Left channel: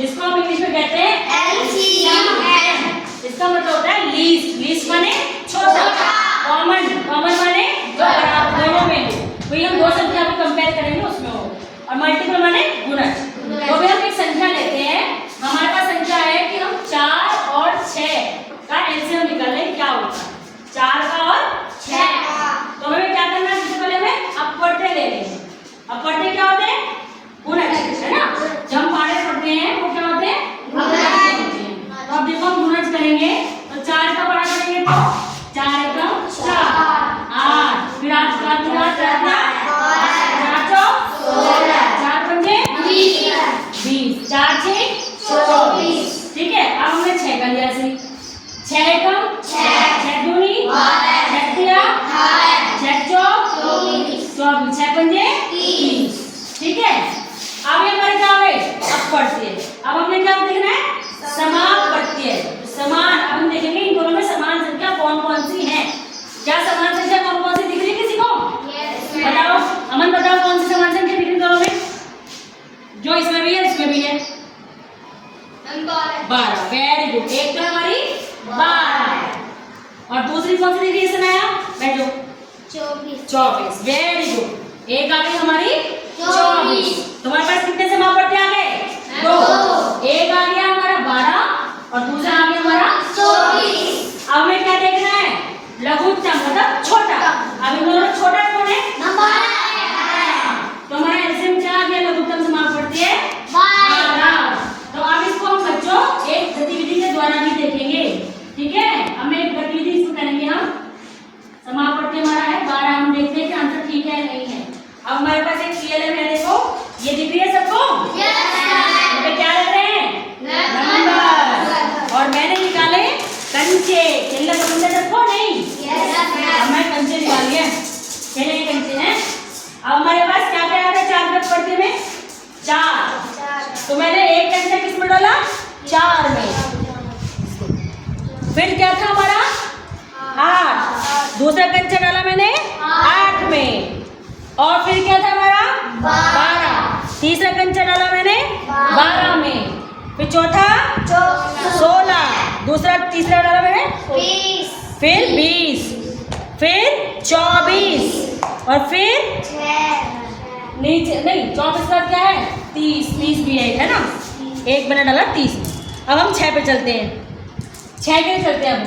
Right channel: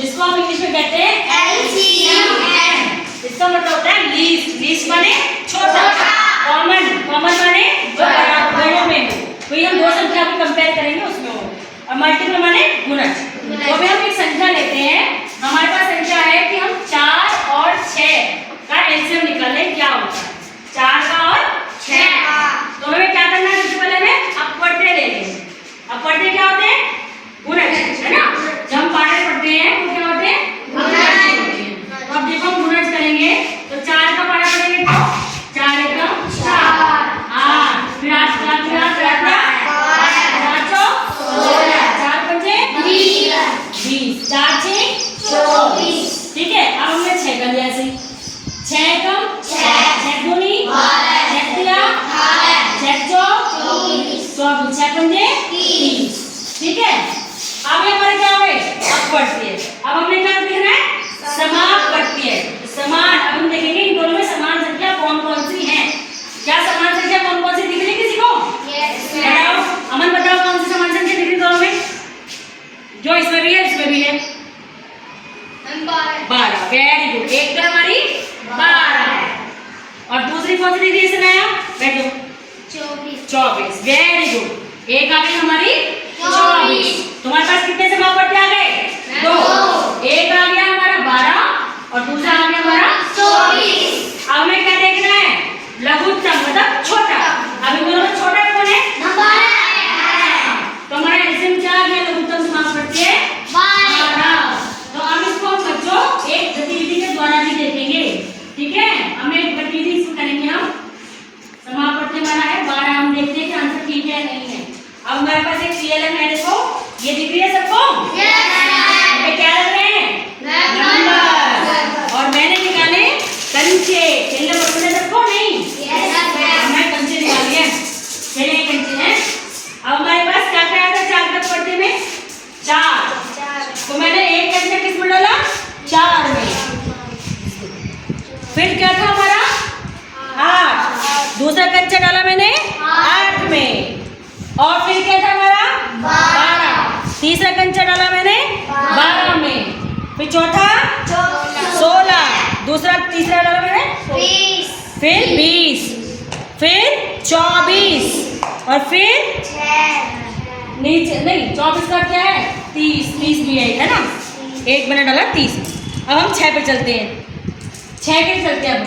जिसको हम इंग्लिश में कहते हैं LCM। इसका मतलब होता है लीस्ट। लीस्ट माने छोटा। कॉमन, कॉमन माने जो बराबर दोनों में हो। वही हम दो संख्या को कंपेयर करेंगे उसमें हो। और मल्टीपल माने गुणज। तो अभी हम एक संख्या लेते हैं। हमारे पास संख्या है कि हम 4 और 6 का एलसीएम निकालें, क्या होता है 4 का और 6 का। तो हमें क्या करना है, सबसे पहले हमें अपवर्ते लेंगे। अपवर्ते क्या होते हैं, गुणज, है ना। जब हम पाठे पढ़ते हैं वो क्या होते हैं, गुणज होते हैं। तो अब देखो हम गुणज करेंगे तो 4 का पाठा करेंगे तो 4 एकम 4 8, फिर 8 20, 4 6 24। ठीक है, अब हमने 6 कर लिया ऐसे। 6 एकम 6 दूनी 6 तिया 6 चौक 24, 6 पंजे 30। ठीक है, अब ये हमारे क्या हुए, अपवर्तीय। अब हमने क्या देखना है, समापवर्तीय। समान, अब हम देखेंगे इन दोनों में समान संख्या कौन कौन सी है। क्या समान संख्या कौन कौन सी दिख रही है किसी को? बताओ, अमन बताओ कौन सी समान संख्या दिख रही है दोनों में? जो इसमें भी है इसमें भी है 12। वेरी गुड, एक तो हमारी 12 है। और दूसरी कौन सी दिख रही है इसमें? बैठो 24। वेरी गुड, एक आ गई हमारी 24। तुम्हारे पास कितने समापवर्ती आ गए? 2। एक आ गया हमारा 12 और दूसरा आ गया हमारा 24। अब हमें क्या देखना है, लघुत्तम मतलब छोटा। अब इन दोनों में छोटा कौन है? 12। तो हमारा एलसीएम क्या आ गया, लघुत्तम समापवर्ती है 12। तो अब इसको हम बच्चों एक गतिविधि के द्वारा भी देखेंगे। ठीक है, हम एक गतिविधि इसमें करेंगे। हम समापवर्ती हमारा है 12, हम देखते हैं कि आंसर ठीक है नहीं है। अब हमारे पास एक सीएलएम है, देखो ये दिख रही है सबको? ये क्या लग रहे हैं? नंबर। और मैंने निकाले कंचे। खेलना पसंद है सबको? नहीं, अब मैं कंचे निकाल लिया। चलिए ये कंचे हैं। अब हमारे पास क्या क्या आया था 4 तक पढ़ते में? 4। तो मैंने एक कंचा किस में डाला? 4 में। फिर क्या था हमारा 8, दूसरा कंचा डाला मैंने 8 में। और फिर क्या था हमारा 12, तीसरा कंचा डाला मैंने 12 में। फिर चौथा 16, दूसरा तीसरा डाला मैंने 20, फिर 20, फिर 24 और फिर नीचे नहीं 24 का क्या है 30 भी है ना, एक मैंने डाला 30 में। अब हम 6 पे चलते हैं। 6 के चलते हैं। अब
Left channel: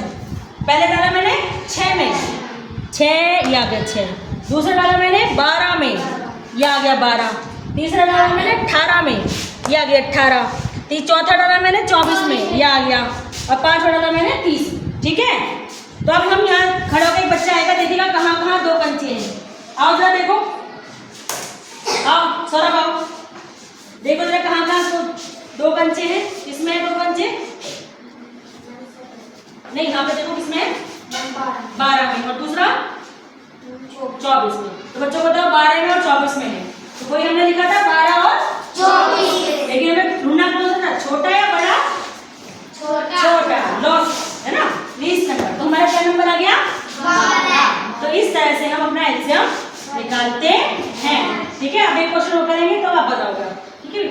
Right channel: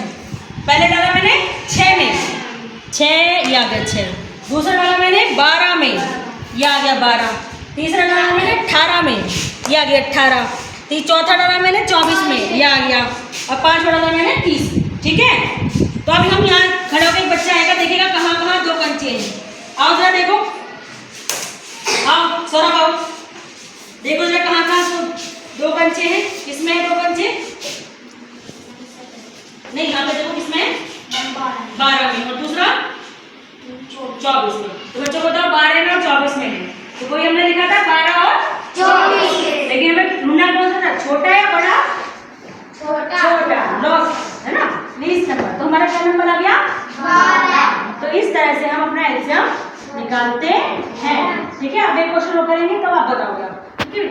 पहले डाला मैंने 6 में, 6 ये आ गया 6। दूसरा डाला मैंने 12 में, ये आ गया 12। तीसरा डाला मैंने 18 में, ये आ गया 18। चौथा डाला मैंने 24 में, ये आ गया। और 5वां डाला मैंने 30। ठीक है, तो अभी हम यहाँ खड़े होकर एक बच्चा आएगा, देखिएगा कहाँ कहाँ 2 कंचे हैं। आओ जरा देखो, आओ सौरभ आओ, देखो जरा कहाँ कहाँ 2 कंचे हैं। किसमें है 2 कंचे? नहीं, यहाँ पे देखो किसमें? 12 में। और दूसरा 24 में। तो बच्चों को बताओ 12 में और 24 में है। तो कोई हमने लिखा था 12 और 24, लेकिन हमें ढूंढना कौन सा था, छोटा या बड़ा? छोटा, लॉस है ना, लीस्ट नंबर। तो हमारा क्या नंबर आ गया 12। तो इस तरह से हम अपना एलसीएम निकालते हैं। ठीक है, अब एक क्वेश्चन और करेंगे तो आप बताओगे। ठीक है।